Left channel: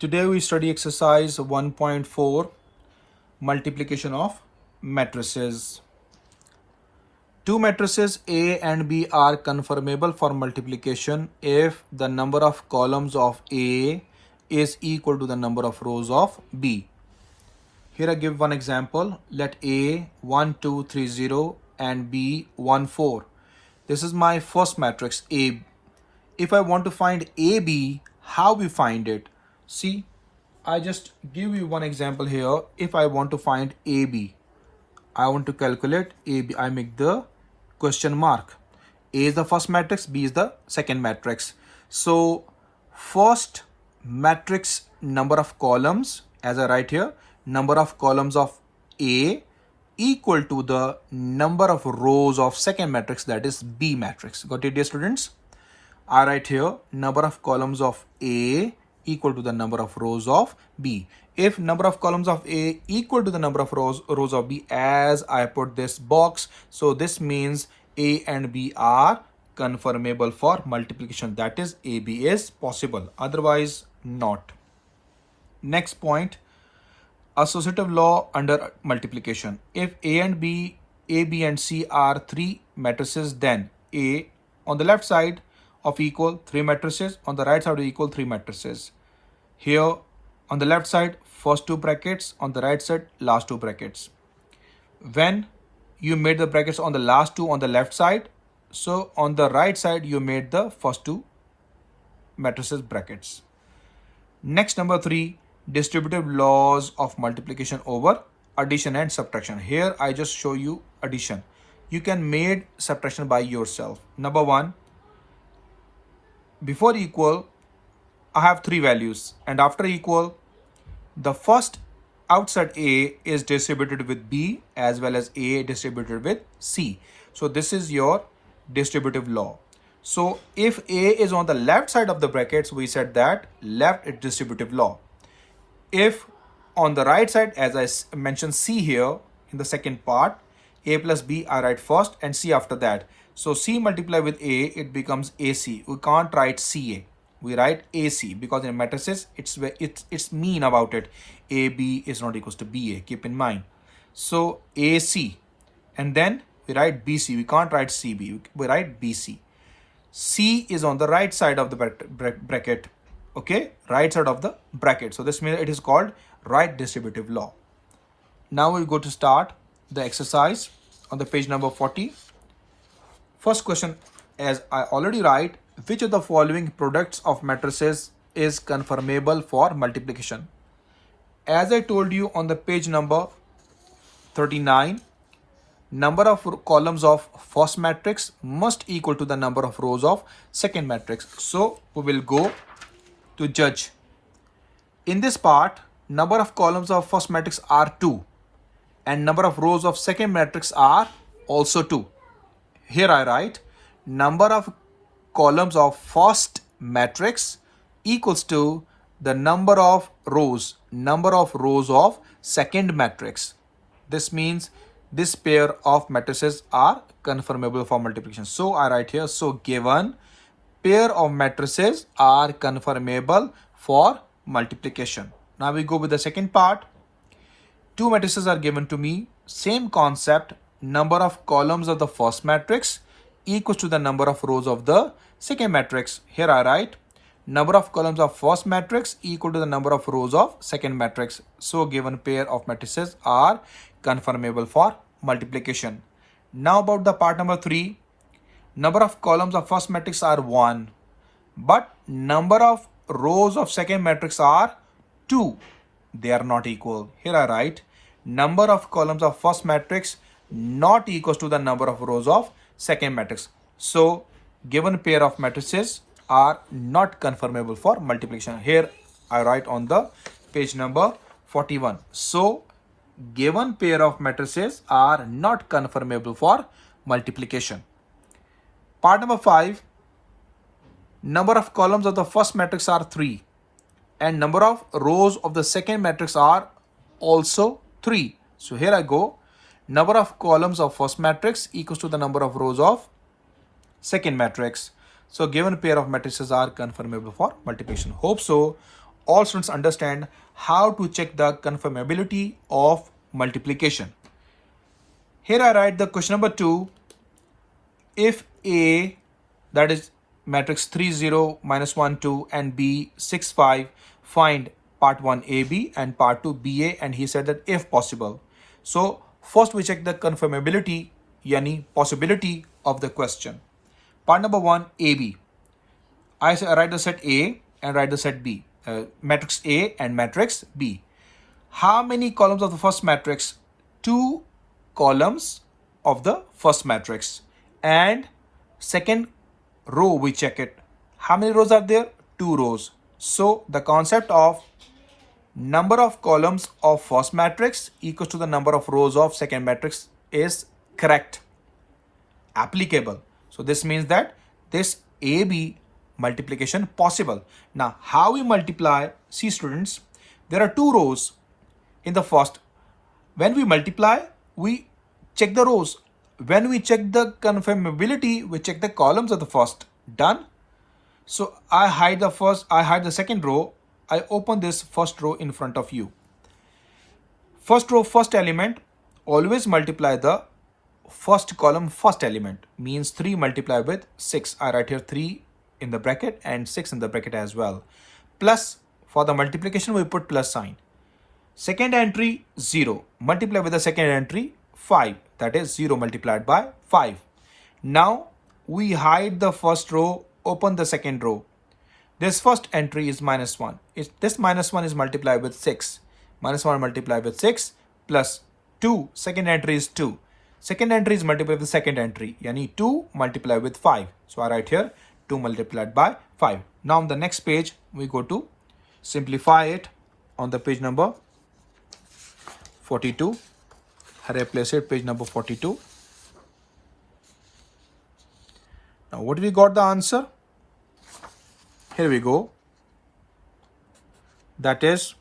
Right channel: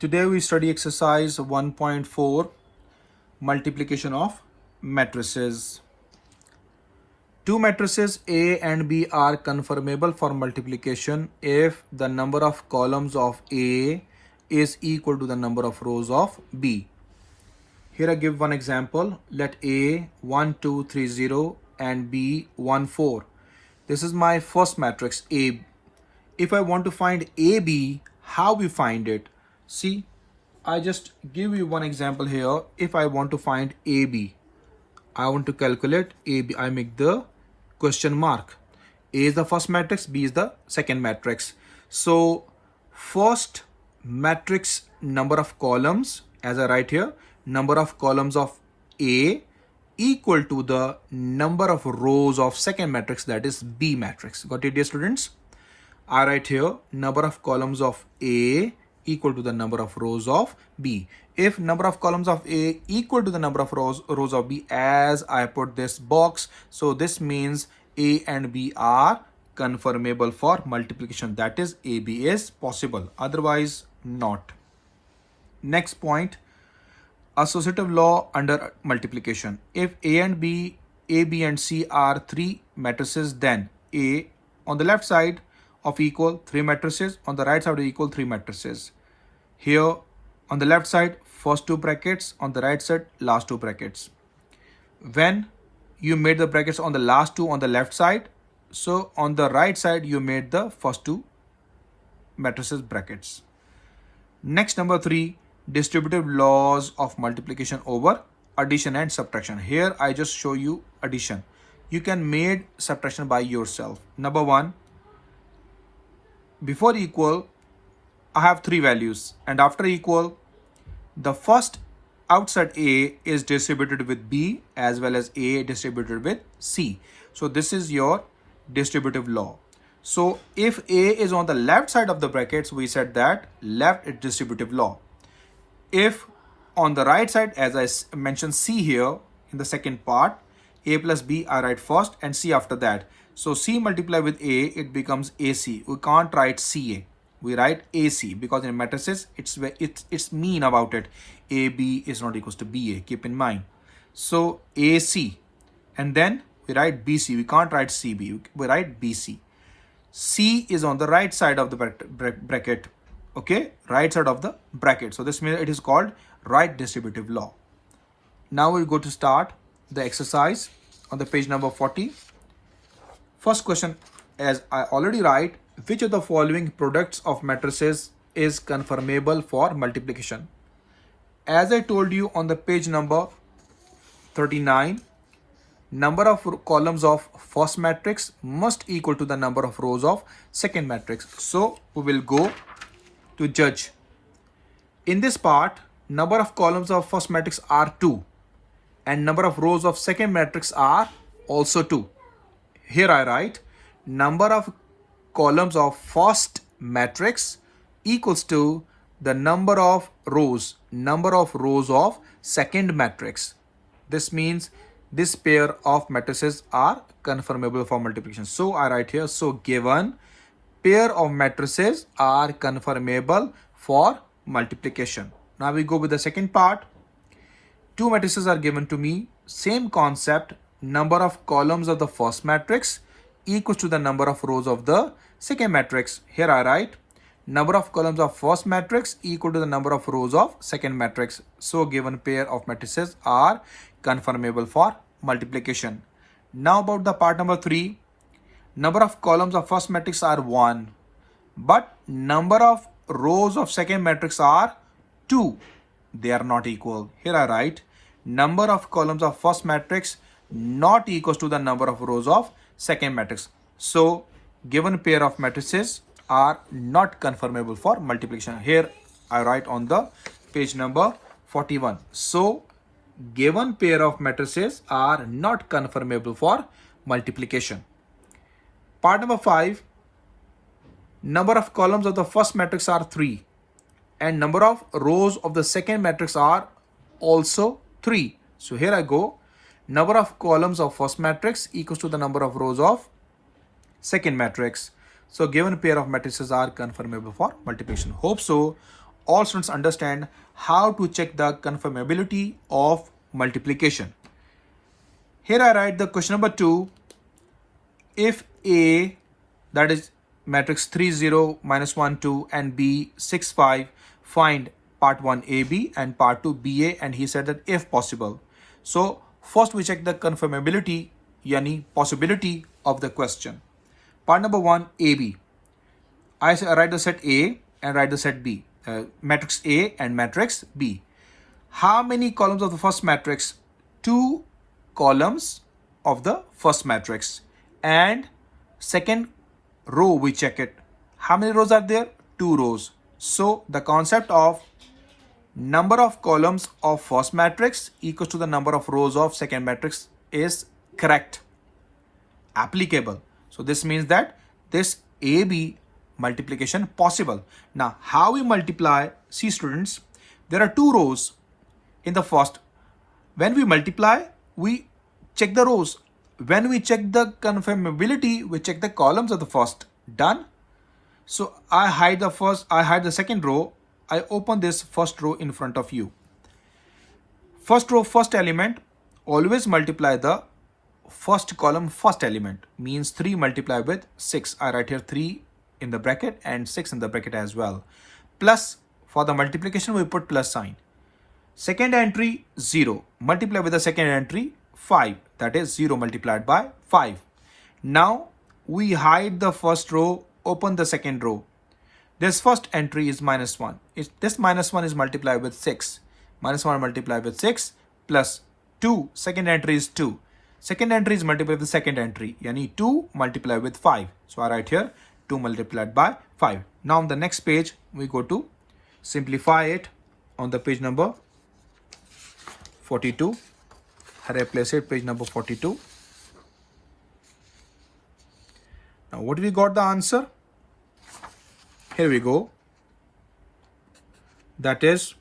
Today we study exercise 1.4 multiplication of matrices. Two matrices A and B are conformable for multiplication if the number of columns of A is equal to the number of rows of B. Here I give one example. Let A 1 2 3 0 and B 1 4. This is my first matrix A. If I want to find AB, how we find it? See, I just give you one example here. If I want to find AB, I want to calculate AB. I make the question mark. A is the first matrix, B is the second matrix. So first matrix number of columns, as I write here, number of columns of A equal to the number of rows of second matrix, that is B matrix. Got it, dear students? I write here number of columns of A equal to the number of rows of B. If number of columns of A equal to the number of rows of B, as I put this box, so this means A and B are conformable for multiplication. That is, AB is possible, otherwise not. Next point, associative law under multiplication. If A and B, A, B and C are three matrices, then A on the left side of equal 3 matrices, on the right side of equal 3 matrices. Here on the left side first two brackets, on the right side last two brackets. When you made the brackets on the last two on the left side, so on the right side you made the first two matrices brackets. Next, number 3, distributive laws of multiplication over addition and subtraction. Here I just show you addition. You can make subtraction by yourself. Number 1, before equal, I have 3 values, and after equal, the first outside A is distributed with B as well as A distributed with C. So this is your distributive law. So if A is on the left side of the brackets, we said that left is distributive law. If on the right side, as I mentioned C here in the second part, A plus B I write first and C after that. So C multiply with A, it becomes AC. We can't write CA. We write AC because in matrices, it's mean about it. AB is not equals to BA. Keep in mind. So AC, and then we write BC. We can't write CB. We write BC. C is on the right side of the bracket. Okay, right side of the bracket. So this means it is called right distributive law. Now we go to start the exercise on the page number 40. First question, as I already write, which of the following products of matrices is conformable for multiplication? As I told you on the page number 39, number of columns of first matrix must equal to the number of rows of second matrix. So we will go to judge. In this part, number of columns of first matrix are 2 and number of rows of second matrix are also 2. Here I write number of columns of first matrix equals to the number of rows of second matrix. This means this pair of matrices are conformable for multiplication. So I write here, so given pair of matrices are conformable for multiplication. Now we go with the second part. Two matrices are given to me. Same concept. Number of columns of the first matrix equals to the number of rows of the second matrix. Here I write number of columns of first matrix equal to the number of rows of second matrix. So given pair of matrices are conformable for multiplication. Now about the part number 3. Number of columns of first matrix are 1, but number of rows of second matrix are 2. They are not equal. Here I write number of columns of first matrix not equals to the number of rows of second matrix. So given pair of matrices are not conformable for multiplication. Here I write on the page number 41. So given pair of matrices are not conformable for multiplication. Part number 5, number of columns of the first matrix are 3 and number of rows of the second matrix are also 3. So here I go, number of columns of first matrix equals to the number of rows of second matrix. So given pair of matrices are conformable for multiplication. Hope so all students understand how to check the confirmability of multiplication. Here I write the question number 2. If A, that is matrix 3 0 minus 1 2 and B 6 5, find part 1 AB and part 2 BA, and he said that if possible. So first we check the confirmability, yani possibility of the question. Part number 1 AB. I write the set A and write the set B, matrix A and matrix B. How many columns of the first matrix? 2 columns of the first matrix, and second row we check it. How many rows are there? 2 rows. So the concept of number of columns of first matrix equals to the number of rows of second matrix is correct, applicable. So this means that this AB multiplication possible. Now how we multiply? See students, there are 2 rows in the first. When we multiply, we check the rows. When we check the confirmability, we check the columns of the first. Done. So I hide the second row. I open this first row in front of you. First row, first element, always multiply the first column, first element, means 3 multiplied with 6. I write here 3 in the bracket and 6 in the bracket as well. Plus, for the multiplication, we put plus sign. Second entry 0, multiply with the second entry 5, that is 0 multiplied by 5. Now we hide the first row, open the second row. This first entry is minus 1. This minus 1 is multiplied with 6. Minus 1 multiplied with 6 plus 2. Second entry is 2. Second entry is multiplied with the second entry. Yani 2 multiplied with 5. So I write here 2 multiplied by 5. Now on the next page, we go to simplify it on the page number 42. I replace it, page number 42. Now what we got the answer? Here we go. That is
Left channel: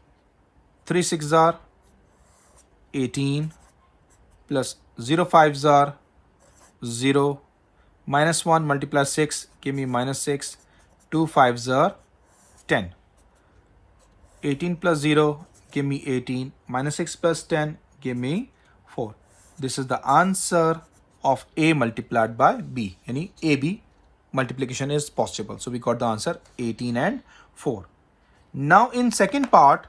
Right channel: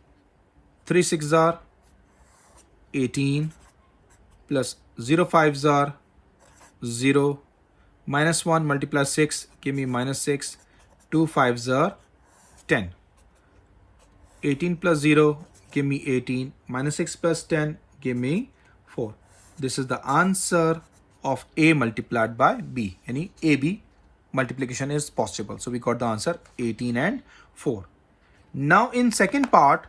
3 6s are 18 plus 0 5s are 0, minus 1 multiply 6 give me minus 6, 2 5s are 10. 18 plus 0 give me 18, minus 6 plus 10 give me 4. This is the answer of A multiplied by B. Any AB multiplication is possible. So we got the answer 18 and 4. Now in second part,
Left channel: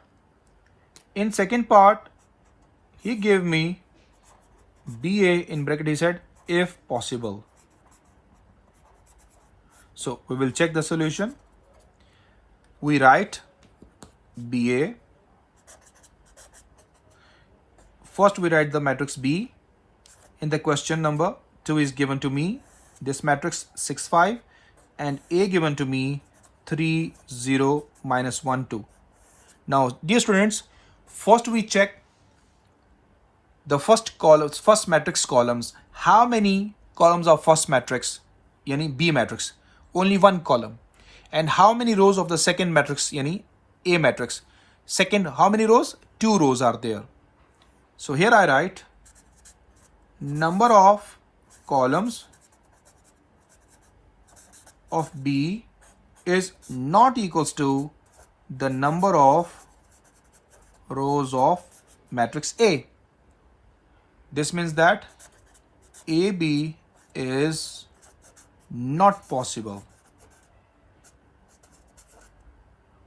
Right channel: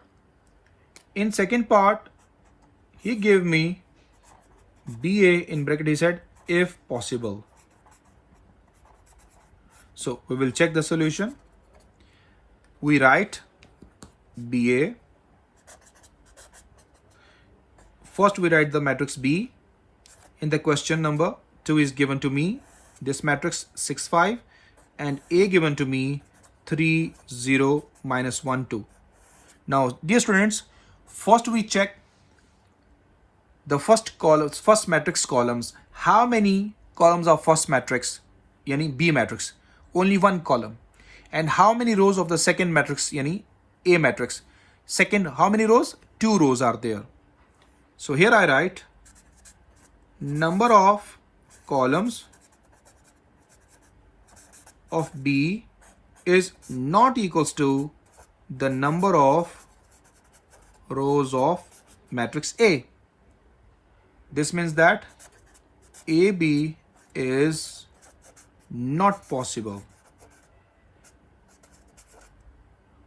he gave me BA in bracket, he said if possible. So we will check the solution. We write BA. First we write the matrix B. In the question number 2 is given to me this matrix 6 5 and A given to me 3 0 minus 1 2. Now dear students, first we check the first columns, first matrix columns. How many columns of first matrix, yani B matrix? Only 1 column. And how many rows of the second matrix, yani A matrix? Second, how many rows? 2 rows are there. So here I write number of columns of B is not equals to the number of rows of matrix A. This means that AB is not possible.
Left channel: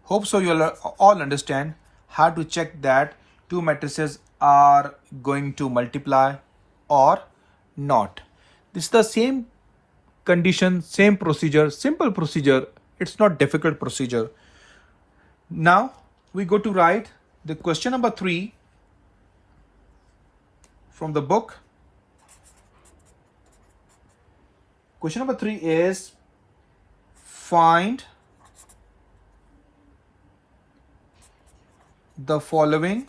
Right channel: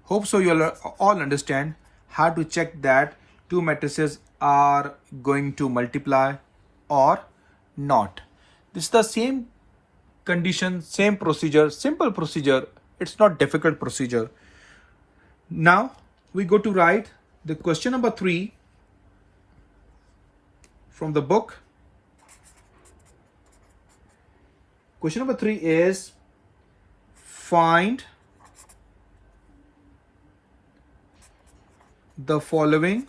Hope so you all understand how to check that 2 matrices are going to multiply or not. This is the same condition, same procedure, simple procedure. It's not difficult procedure. Now we go to write the question number 3 from the book. Question number 3 is find the following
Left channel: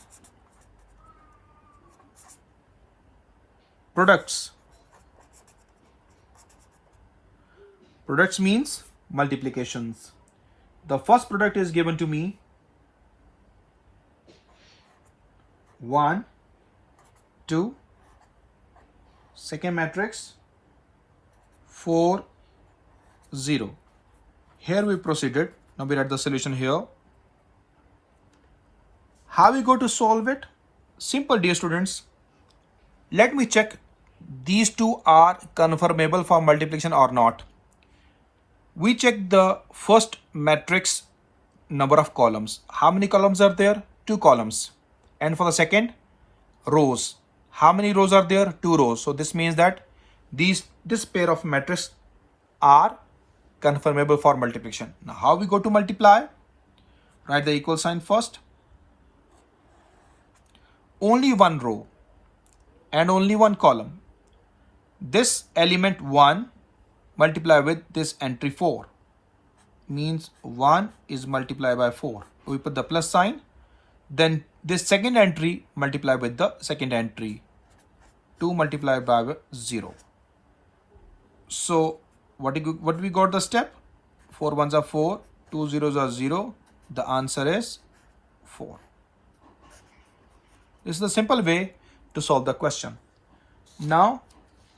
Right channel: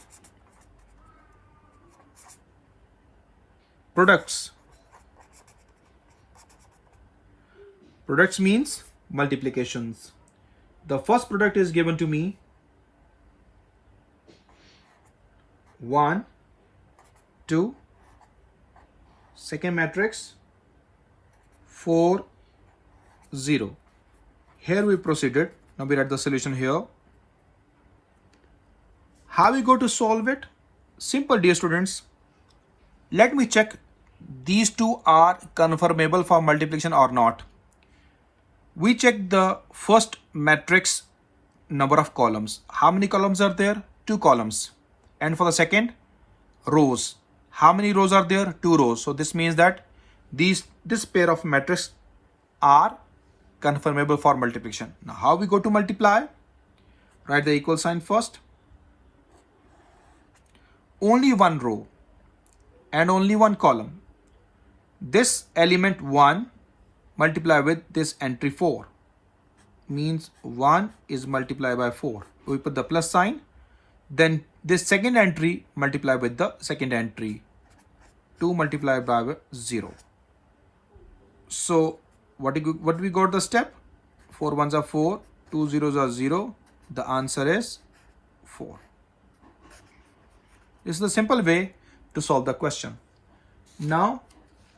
products. Products means multiplications. The first product is given to me 1 2, second matrix 4 0. Here we proceeded. Now we write the solution here. How we go to solve it? Simple, dear students. Let me check these two are conformable for multiplication or not. We check the first matrix number of columns. How many columns are there? 2 columns. And for the second, rows. How many rows are there? 2 rows. So this means that this pair of matrices are conformable for multiplication. Now how we go to multiply? Write the equal sign first. Only one row and only one column. This element 1 multiply with this entry 4 means 1 is multiplied by 4. We put the plus sign. Then this second entry multiply with the second entry, 2 multiplied by 0. So what we got the step? 4 ones are 4, 2 zeros are 0. The answer is 4. This is the simple way to solve the question. Now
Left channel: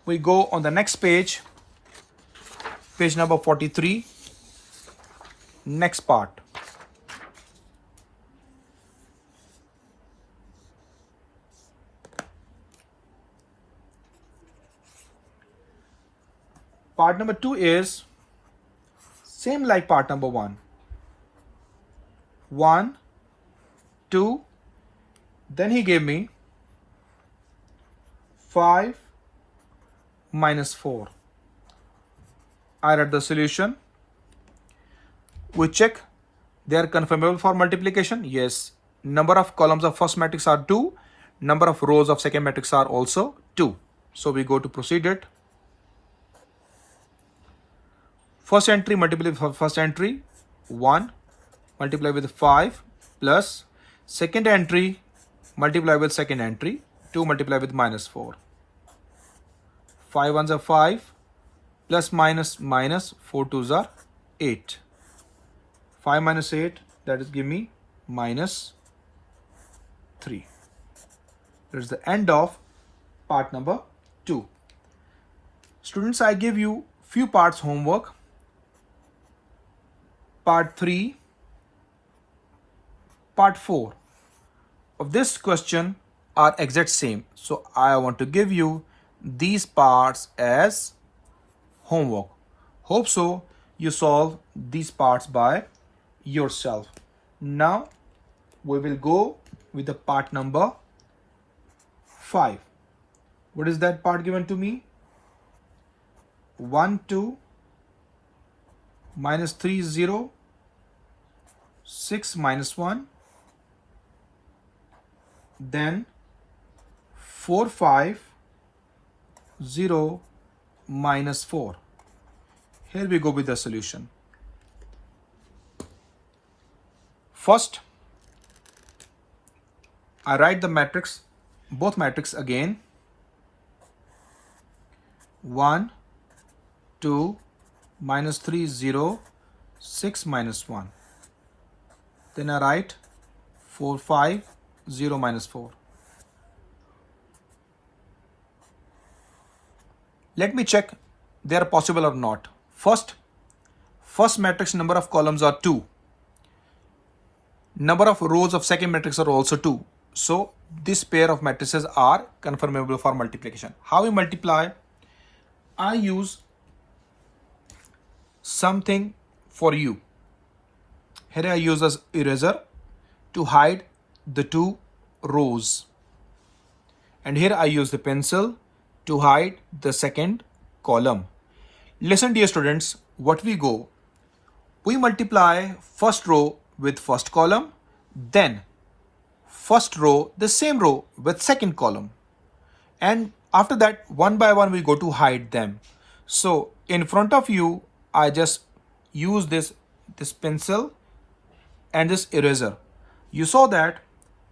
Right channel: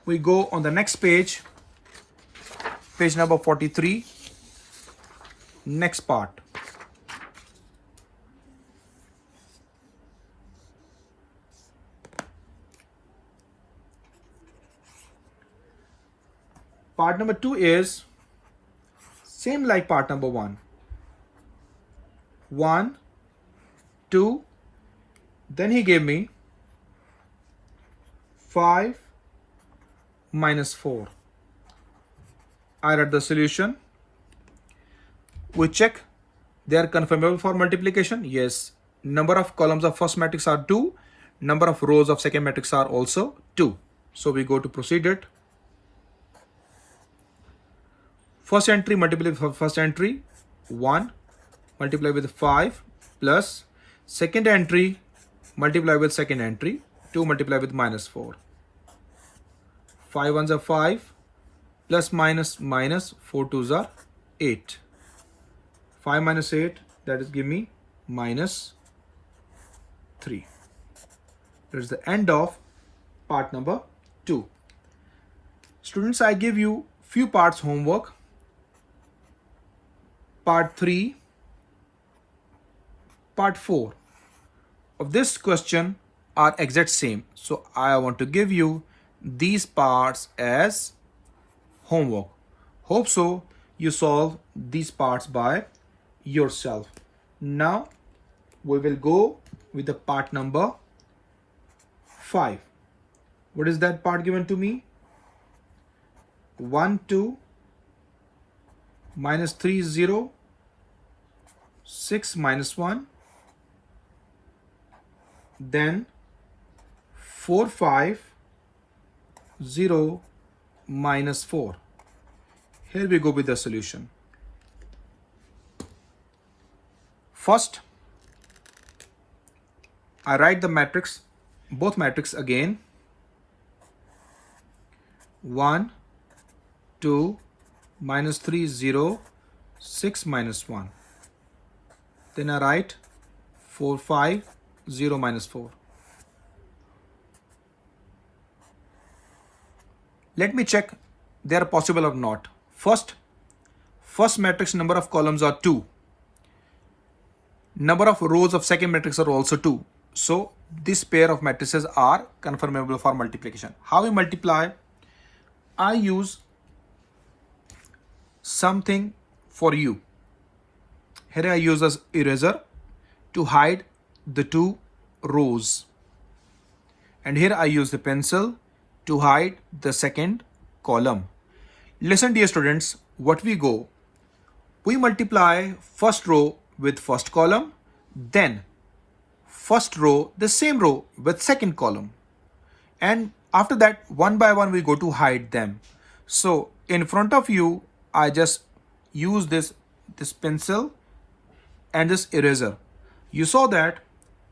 we go on the next page, page number 43, next part. Part number 2 is same like part number 1. 1, 2, then he gave me 5 minus 4. I write the solution. We check they are conformable for multiplication. Yes. Number of columns of first matrix are 2. Number of rows of second matrix are also 2. So we go to proceed it. First entry multiply with first entry 1 multiply with 5 plus second entry multiply with second entry 2 multiply with minus 4. 5 ones are 5 plus minus minus 4 twos are 8. 5 minus 8 that is give me minus 3. That is the end of part number 2. Students, I give you few parts homework. Part 3, part 4 of this question are exact same. So I want to give you these parts as homework. Hope so you solve these parts by yourself. Now we will go with the part number 5. What is that part given to me? 1, 2, minus 3, 0, 6 minus 1, then 4, 5, 0, minus 4. Here we go with the solution. First, I write the matrix, both matrix again. 1, 2, minus 3, 0, 6 minus 1. Then I write 4, 5, 0 minus 4. Let me check they are possible or not. First matrix number of columns are 2. Number of rows of second matrix are also 2. So this pair of matrices are conformable for multiplication. How we multiply? I use something for you. Here I use as eraser to hide the 2 rows. And here I use the pencil to hide the second column. Listen, dear students, what we go. We multiply first row with first column, then first row, the same row with second column. And after that, one by one, we go to hide them. So in front of you, I just use this pencil and this eraser. You saw that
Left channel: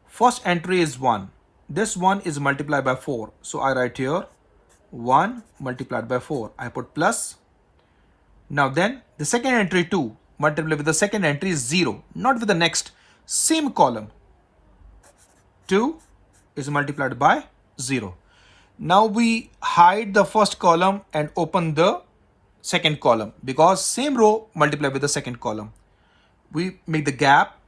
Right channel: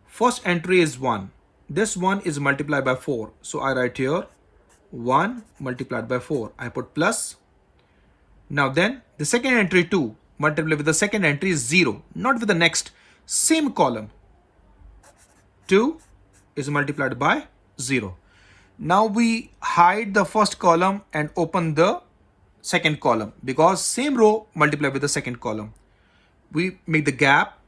first entry is 1. This 1 is multiplied by 4. So I write here 1 multiplied by 4. I put plus. Now then the second entry 2 multiplied with the second entry is 0. Not with the next same column. 2 is multiplied by 0. Now we hide the first column and open the second column because same row multiplied with the second column. We make the gap.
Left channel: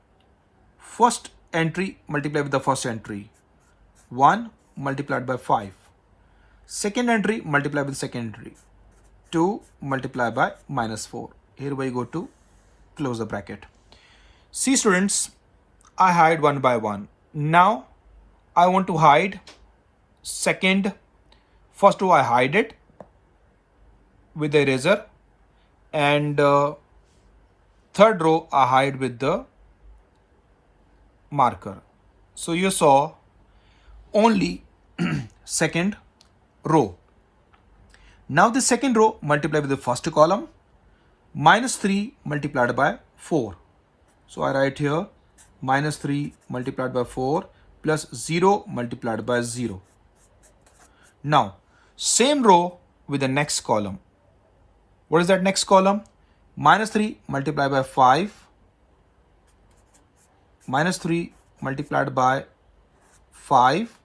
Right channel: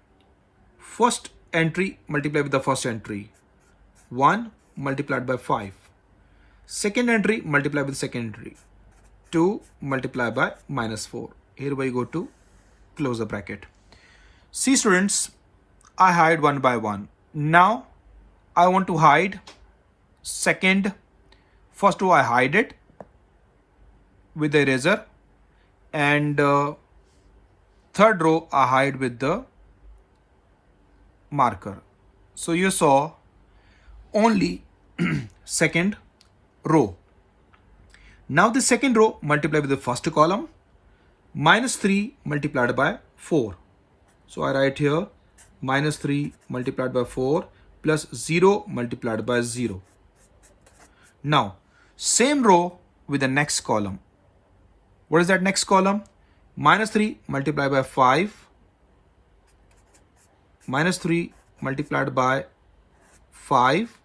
First entry multiplied with the first entry. 1 multiplied by 5. Second entry multiplied with second entry. 2 multiplied by minus 4. Here we go to close the bracket. See students, I hide one by one. Now I want to hide second. First row I hide it with the eraser, and third row I hide with the marker. So you saw only second row. Now the second row multiplied with the first column, minus 3 multiplied by 4. So I write here minus 3 multiplied by 4 plus 0 multiplied by 0. Now same row with the next column. What is that next column? Minus 3 multiplied by 5, minus 3 multiplied by 5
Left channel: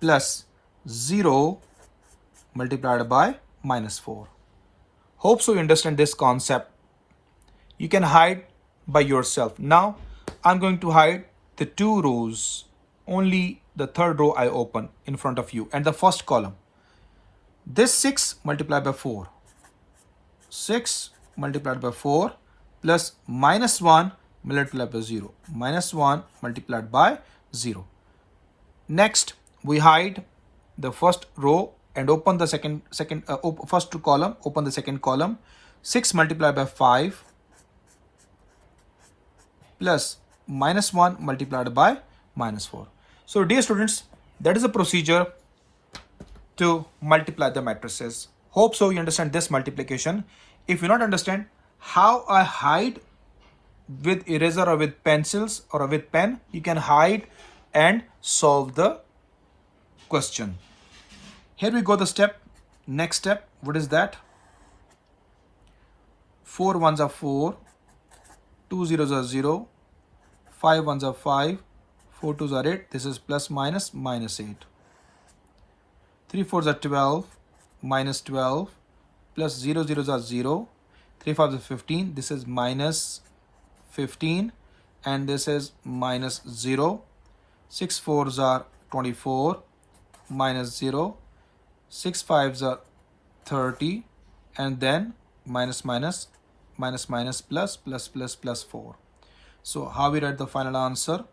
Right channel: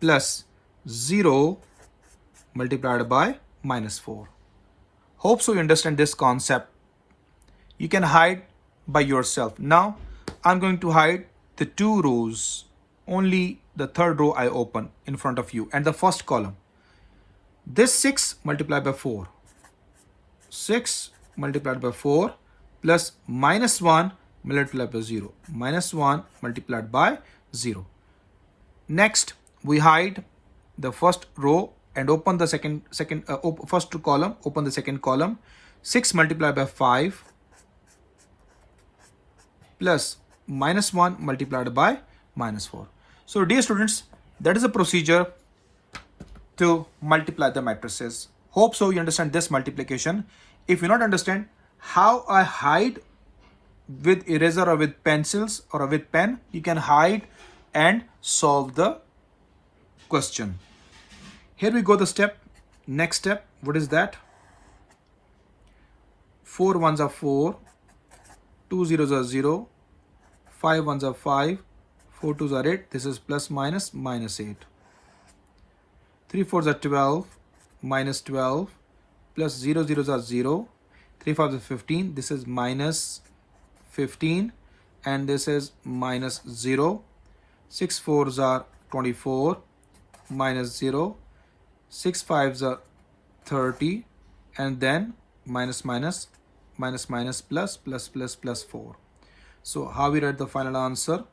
plus 0 multiplied by minus 4. Hope so you understand this concept. You can hide by yourself. Now I'm going to hide the two rows. Only the third row I open in front of you and the first column. This 6 multiplied by 4. 6 multiplied by 4 plus minus 1 multiplied by 0. Minus 1 multiplied by 0. Next, we hide the first row and open the first column, open the second column. 6 multiplied by 5 plus minus 1 multiplied by minus 4. So dear students, that is the procedure to multiply the matrices. Hope so you understand this multiplication. If you not understand how I hide with eraser or with pencils or with pen, you can hide and solve the question. Here we go the step. Next step, what is that? 4 ones are 4, 2 zeros are 0, 5 ones are 5, 4 twos are 8. This is plus minus minus 8. 3 fours are 12, minus 12, plus 0 zeros are 0, 3 fives are 15. This is minus 15, and this is minus 0. 6 fours are 24, minus 0. 6 fives are 30, and then minus minus minus minus plus plus plus plus 4. So how we write the final answer?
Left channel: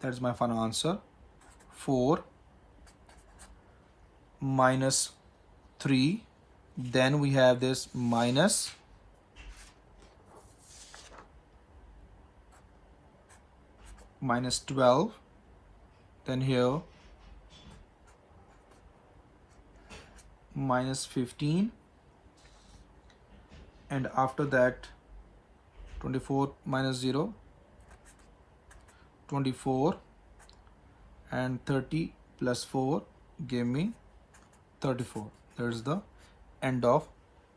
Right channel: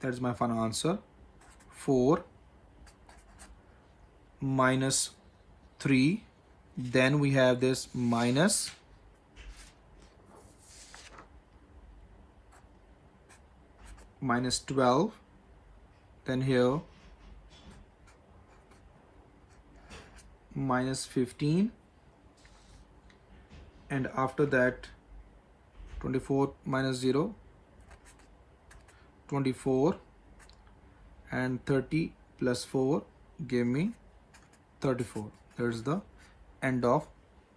That is my final answer. 4 minus 3, then we have this minus minus 12, then here minus 15, and after that 24 minus 0, 24, and 30 plus 4 gave me 34. There's the end of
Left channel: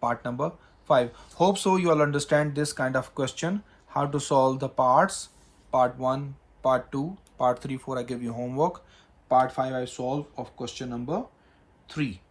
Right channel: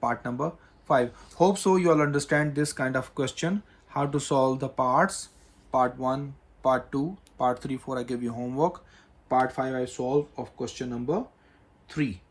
part number 5. Hope so you all understand this kind of question, how to solve the parts. Part 1, part 2, part 3, 4 I give you homework. Part 5 I solve of question number 3.